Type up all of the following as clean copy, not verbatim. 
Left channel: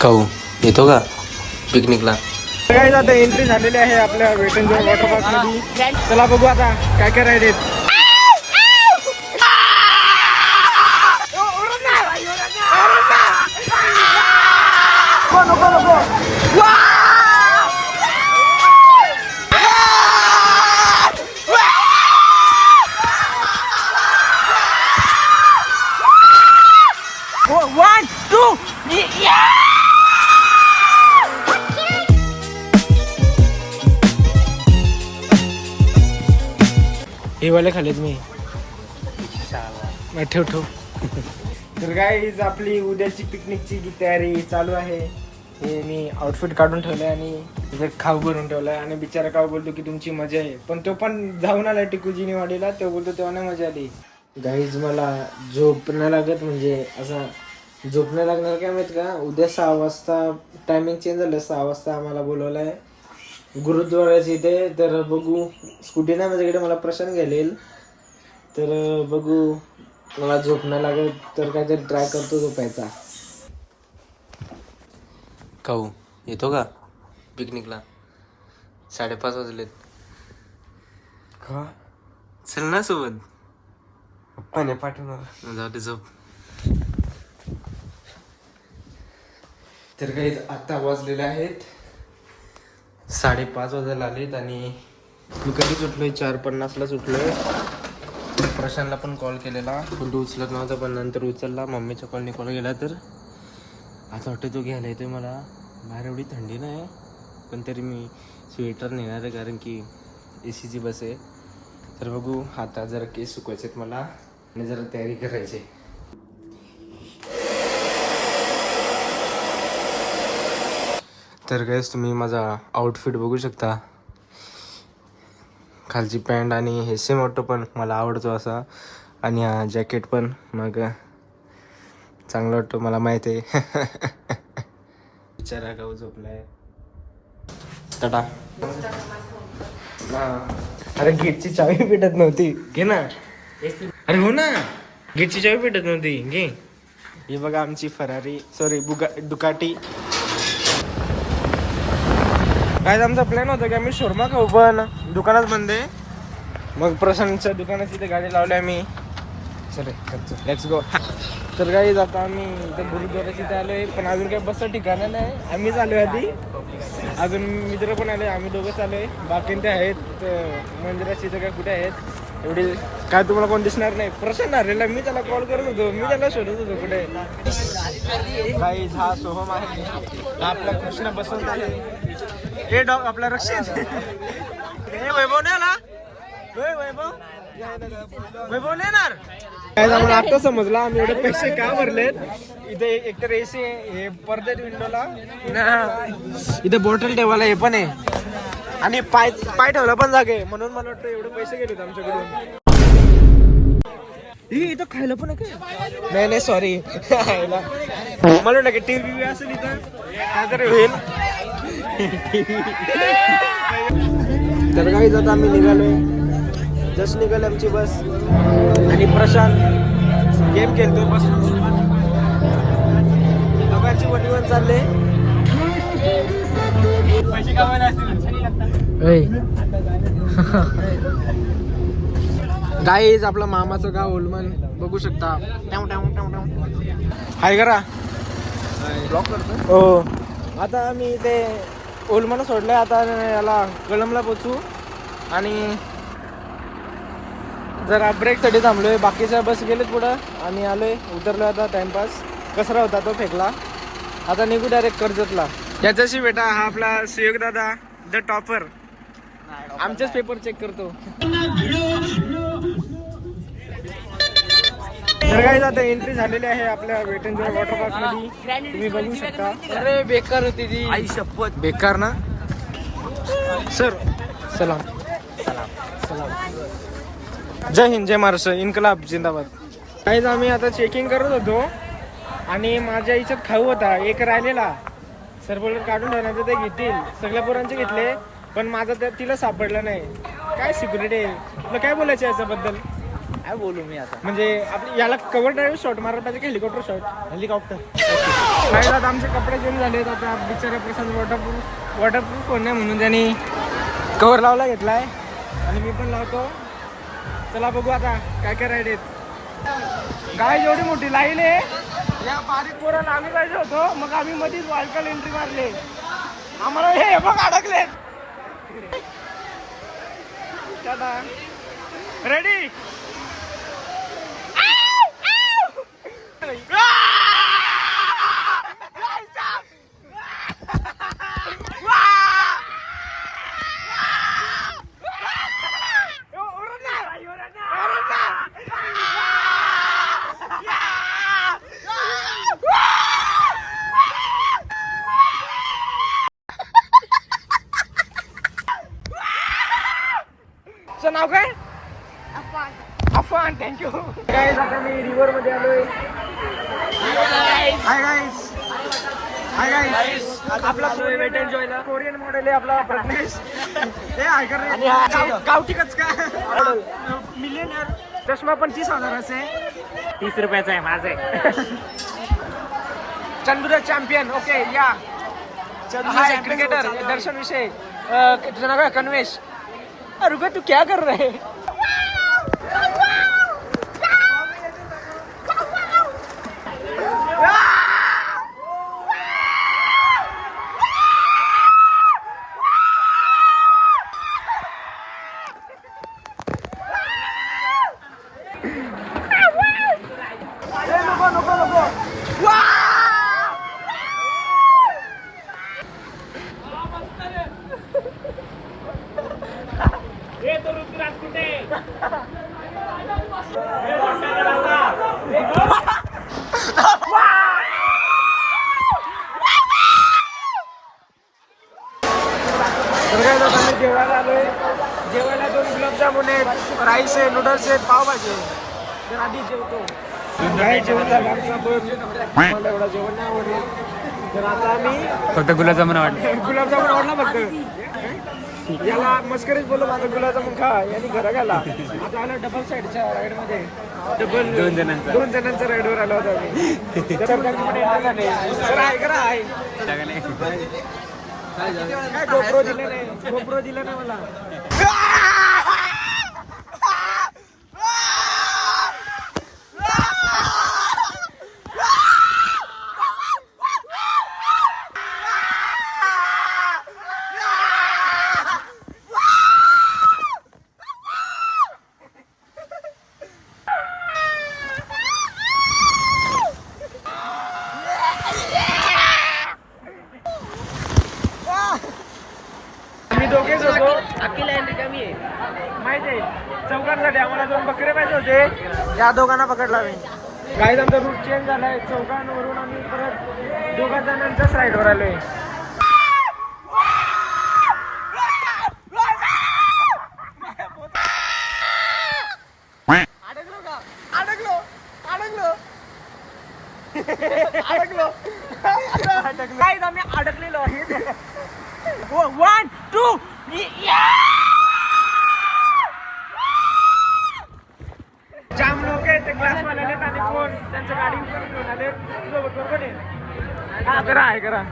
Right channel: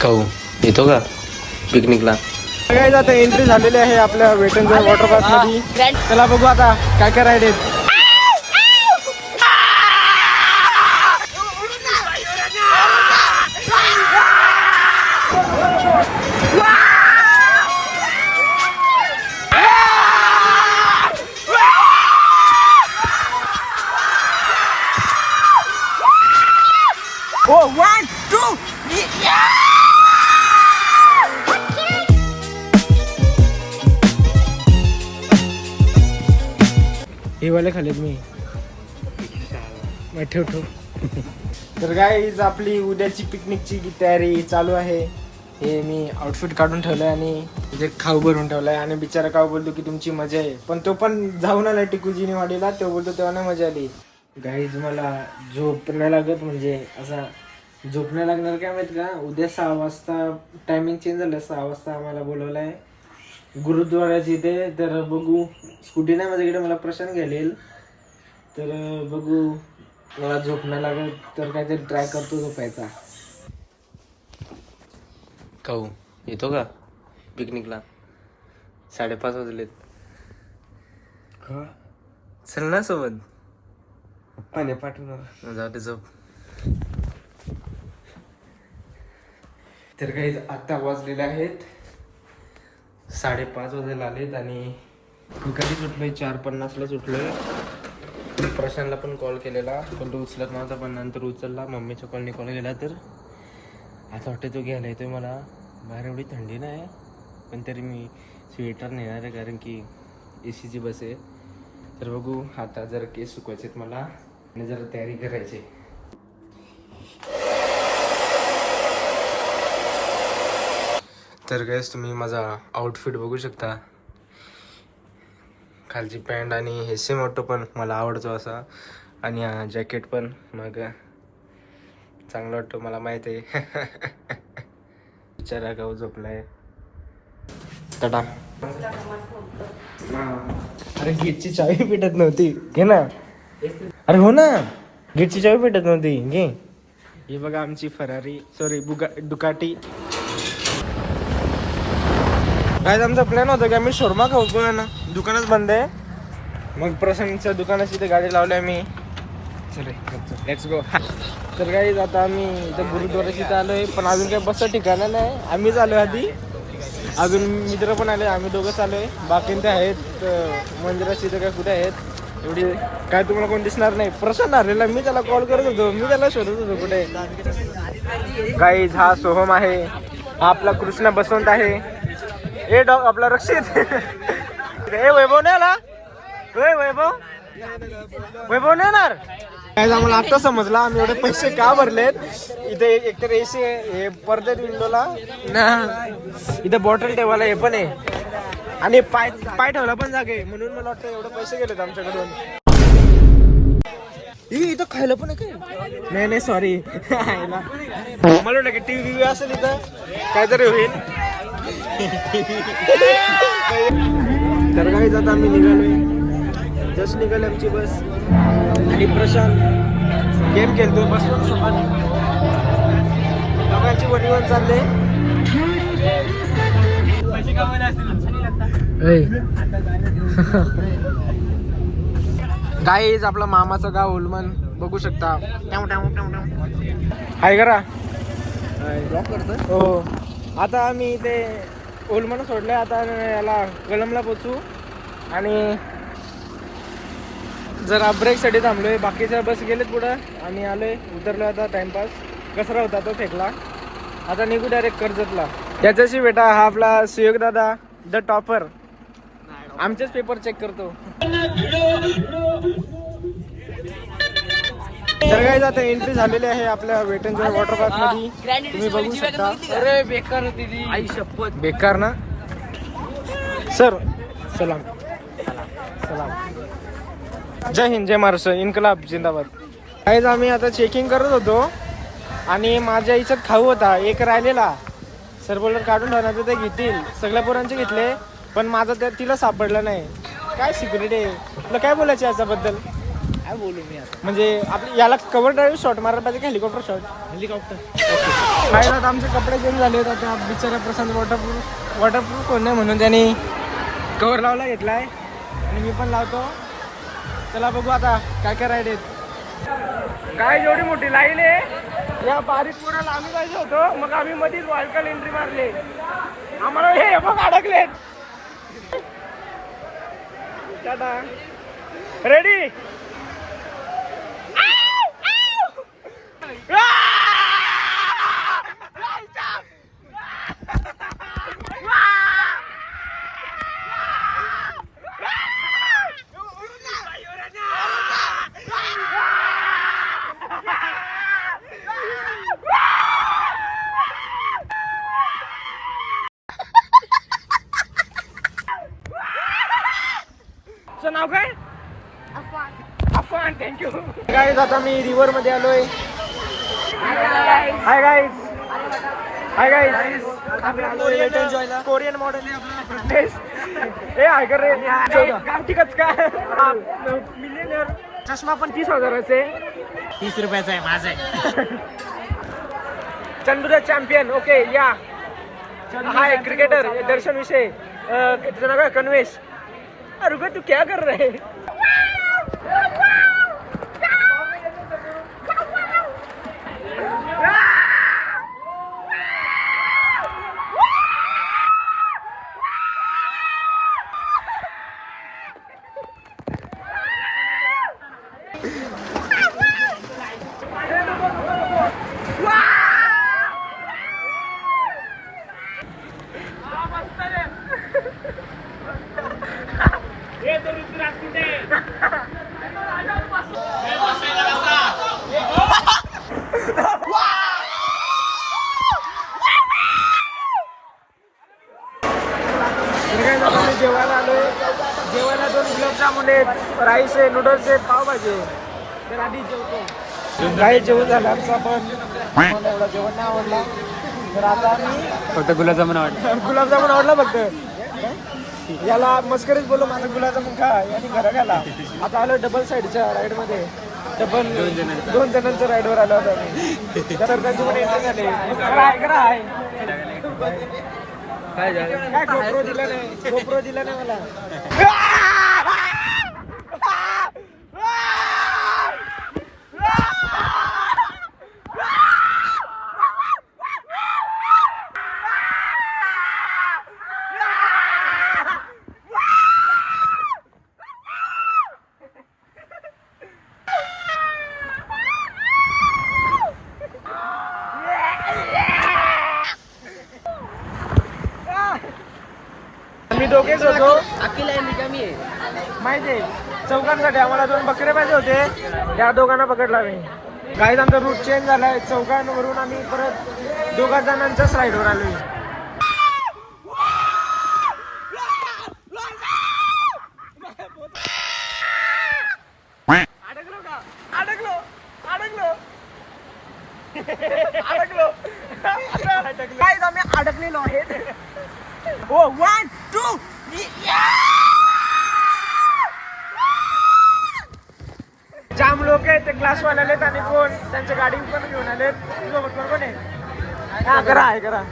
खाऊ येतो का पिकनिकला? काय आता एंट्री झालेली आहे आपल्या wet and joy water park मध्ये. चला बघू आता काय काय राईड आहेत. One, two, हे वाले खालेत मी. ठेव ठेव. तर गाईज आपली उद्याची पिकनिकची तयारी चालू आहे. हे मी आउटफिट काढून ठेवलंय आणि इथे खाऊ भरून ठेवलाय. आणि बिचारा खाऊ बोलतो की तुमची मजा आहे, पण तो पण जाऊन आला टिकूजीनी वाडीला. तो बोलतो तेव्हा नाही मजा आली. गाईज मला झोप नाही लागत, म्हणजे असा झोप नाही लागणार काय माहित का. उद्या 6 वाजता टायमिंग चेंज झालं. 6 वाजता आम्हाला बोलवलंय गुरुद्वाराच्या इथे. तर बघू, स्कूटी नाही माझ्याकडे, मला प्रशांत घ्यायला. तर बघू, मला झोप नाही लागत तर काहीतरी ट्राय करतो झोपायचा. खाऊ येतो का पिकनिकला? 5:30 वाजलेत. का चल ना सोबत. पप्पाने पाठवणार. जाऊ दे झोप. तर काही आता वाजलेले आहेत 5:30 वाजायला आलेत. आणि मी कधी सुटलोय 4:50ला सुटलोय. प्रशांतला पण कॉल केलेला पण तो उचलत नव्हता, पण नंतर उचलला. मम्मीच्या कॉलनी कॉल गेला. तर आता वाटतं तो घ्यायला येतोय मला. बाहेर एवढी थंडी नाही पण तरी मी स्वेटर नेणार आहे, कारण की एसीची बस आहे. तर बघू, आता जरा केस सुकवायचे आहेत मला आणि जरा तयारी करायची. तर गाईस तुम्ही माझा आउटफिट बघू शकता. खालची पॅन्ट आणि हे सेम वाटतो, पण मला आवडतो असा. आणि हा जॅकेट पण मग चांगलं वाटतं, मला माहित आहे. बिचारा गाव झोपलाय. टाटा. अरे गेटची चावी भेटत नव्हती, घे ना. अरे हो ना, गेटची चावी भेटत नव्हती, घे. हे बघा आमची फरारी, सॉरी डुकाटी. काय आमचा प्लॅन होता की आम्ही शोरमा खाऊ, पण दुकानच बंद आहे. मग प्रशांतच्या दुकानाची इथे गाडी लावली मी. चले लेट्स गो. तर गाईज आता आम्ही इथं गुरुद्वाराची इथे आलोय, पण अजून काही बसचं ठिकाणं नाही. आम्हीच आलो आधी, अजून मित्र पण आले. आम्ही दोघंच आलोय, बाकी ते आहेत मंदिराची इथे काय कुठे आहेत एवढी काय तुम्हाला कोण दिसणार नाही. प्रशांत आलेला, मी त्याला कॉल करत होतो, मी त्याला शोधत होतो कुठे. गाईज हा सोहम आहे, हा आपला कृष्णा बसवंत आहे. हे डॉग आपला रक्षित. हे वैभव नाही आला. वैभव नाही येणार. आम्हाला आता समजला आम्ही एवढे पैसे का भरलेत. इथे एकतर एसी आहे, पडद्यात विंडोला, इथे बॉटल ठेवायला हे पण आहे, आणि पाय ठेवला पण जागा आहे. म्हणून मला वाटतं एवढे पैसे गेलेत आमच्याकडून. इथं खायला पण आहे काय? नाही सॉरी. मला वाटतं की टीव्ही असेल इथं काहीतरी होईल. तर काही जाता आम्ही निघालोय, जस्ट निघाले आमची बस. आणि प्रशांत गेम खेळतोय बसून सोबत. दोघांची वणीवर चालले. गाईज आपलं मामाचं गाव ओलमन बघू शकता. हाय करा. ब्लॉक करतोय. हो, आता आम्ही इथे ओलमन सोडलंय. आता याला कळमला पोचू आणि जरा ब्रेकसाठी थांबलोय. बाकीच्या बस गेलेत पुढं, आम्ही आलोय, उतरलो. आता टाइमपास कसरा होता तो फेकला. आता निघू डायरेक्ट कर्जतला. त्याच्याशी बेटा हा आपला सुयोग दादा द टॉपर, आमचेच पेपर चेक करतो. तर काय आता एंट्री झालेली आहे आपल्या wet and joy water park मध्ये, तुम्ही बघू शकता. अरे बेकार होती ती, आई शपथ बेकार ना. सर सलाम सलाम. जय हिंद, जय महाराष्ट्र, इन्कलाब जिंदाबाद. काहीच आम्ही आता चेकिंग करत होतो आणि माझ्या याच्यात खाऊ होता एक राहिलेला. सर बोलर काढून ठेवणार तर ते घेतील. सगळ्या पोरांचे घेतले, पण माझा त्या तिला सापडला नाही. काय सिक्युरिटी आहे, तुला काय बोलायचं याच्याबद्दल? काय बोलू मी आता म्हणजे आपली याला कव्हर ड्राईव्ह शॉट मारायला पाहिजे, हेलिकॉप्टर शॉट. हेलिकॉप्टर. काय आता आमचे कपडे चेंज झाले आता बिचारा प्रशांत वॉटरप्रूफ होणे म्हणून त्यांनी कव्हर लावला घेतलाय आणि मी पण लावतो. चला बघू आता काय काय राईड आहेत. काय जेवढी मोठी लाईन आहे या बारीक पोराला आम्ही पाहिजे होतो, मग आम्ही मधीच वालकल एंट्री मारले. आम्हाला हे बघ अडकलेत. रेडी. नाव काय? अफान. थँक्यू. गाईज आता मी रिव्हर मध्ये आलोय. Hi guys. Hi guys. आपला कोरियन मॉडेल आहे आपला प्रज्ञेश. हे हाय कर रे. गावठी कचका. मिलियनर. चष्मा पण 30,000चे. 30 रुपयाचा आहे माझा आहे. चंदुरा चॅम्पियन. ओके या. हाय क्रिकेटर दर्शन विषय. तुझं नाव काय? कन्वेश. रुको तू क्या कर रहे? आम्ही जेवायला आलोय. जेवायला 2 गुलाबजामुन आहेत, राईस आहे, नूडल्स आहेत, पावभाजी आहे. तर आधी जेवतो. काही जेवण झालं आमचं, पण मला एवढा जेवण नाही आवडला. तर आता आम्ही फक्त गुलाबजामुन आवडला. गुलाबजामुन आवडला फक्त. याला मस्करीच बोलू आता गुलाबजामुन खा यांनी घरा घाला. आता आलो डबल साईडच्या राईड मध्ये. दोन जणांच्या राईडवर आलो होतो आम्ही. तर त्यांची पण एंट्री झाली. तर आहे करा आहे काय गोप्रो दिला नाही. गोप्रो दिला नाही मला. आम्ही दोघेच होतो. माहिती आहे चौघांसाठी आम्हाला 2 बकरे पाहिजे होते. त्या दोघांना पकडला मी. गाईज आमचा रूट चेंज झालाय. चौघांवरून आम्ही परत 2 जणांच्याच राईडवर आलोय. अडकलो. गाईज आम्ही अडकलेलो आहे. 1 2 जाम लोक आहेत ते क्लासवाले आलेत आणि कोण त्यांच्या गाडी पण घेऊन आलेत. सोबत बरोबर आहे. करा आहे करा.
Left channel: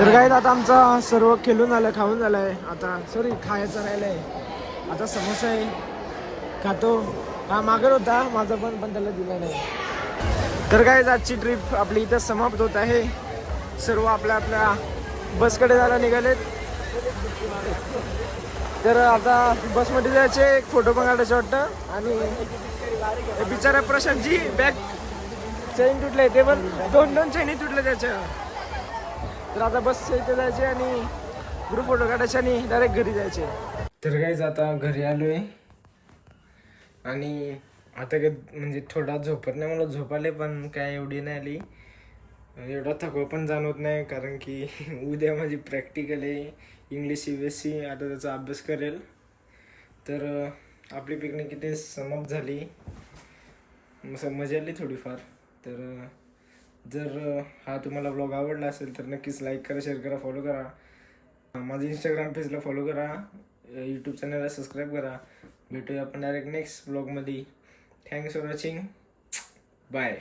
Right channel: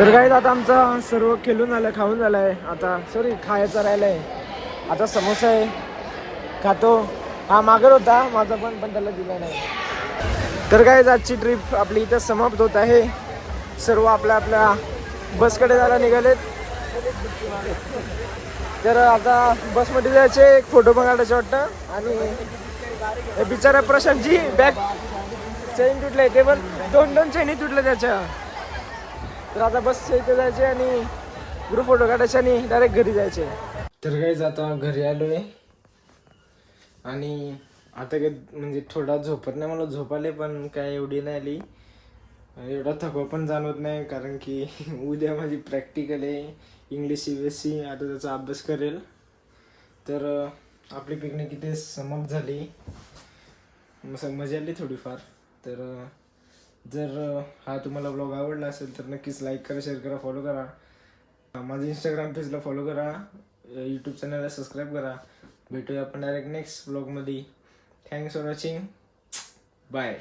तर काय आता आमचा सर्व खेळून आलं, खाऊन झालाय. आता सॉरी खायचं राहिलंय. आता समोसा आहे खातो. हा मागत होता माझा पण त्याला दिला नाही. तर काय आजची ट्रिप आपली इथं समाप्त होत आहे. सर्व आपल्या आपल्या बसकडे जायला निघालेत. तर आता बसमध्ये जायचे, एक फोटो पण काढायचं वाटतं. आणि हे बिचारा प्रशांतजी बॅग चैन तुटले, ते पण दोन चैनी तुटले त्याच्या. तर आता बस इथे जायचे आणि ग्रुप फोटो काढायचे आणि डायरेक्ट घरी जायचे. तर काहीच आता घरी आलोय आणि आता काय म्हणजे थोडा झोपत नाही, मला झोप आले पण काय एवढी नाही आली. एवढा थकवा पण जाणवत नाही कारण की उद्या माझी प्रॅक्टिकल आहे इंग्लिश CBSE. आता त्याचा अभ्यास करेल. तर आपली पिकनिक इथे समाप्त झाली. मजा आली थोडीफार. तर जर हा तुम्हाला ब्लॉग आवडला असेल तर नक्कीच लाईक करा, शेअर करा, फॉलो करा. माझं इंस्टाग्राम पेजला फॉलो करा, यूट्यूब चॅनलला सबस्क्राईब करा. भेटूया आपण डायरेक्ट नेक्स्ट ब्लॉगमध्ये. Thanks for watching. बाय.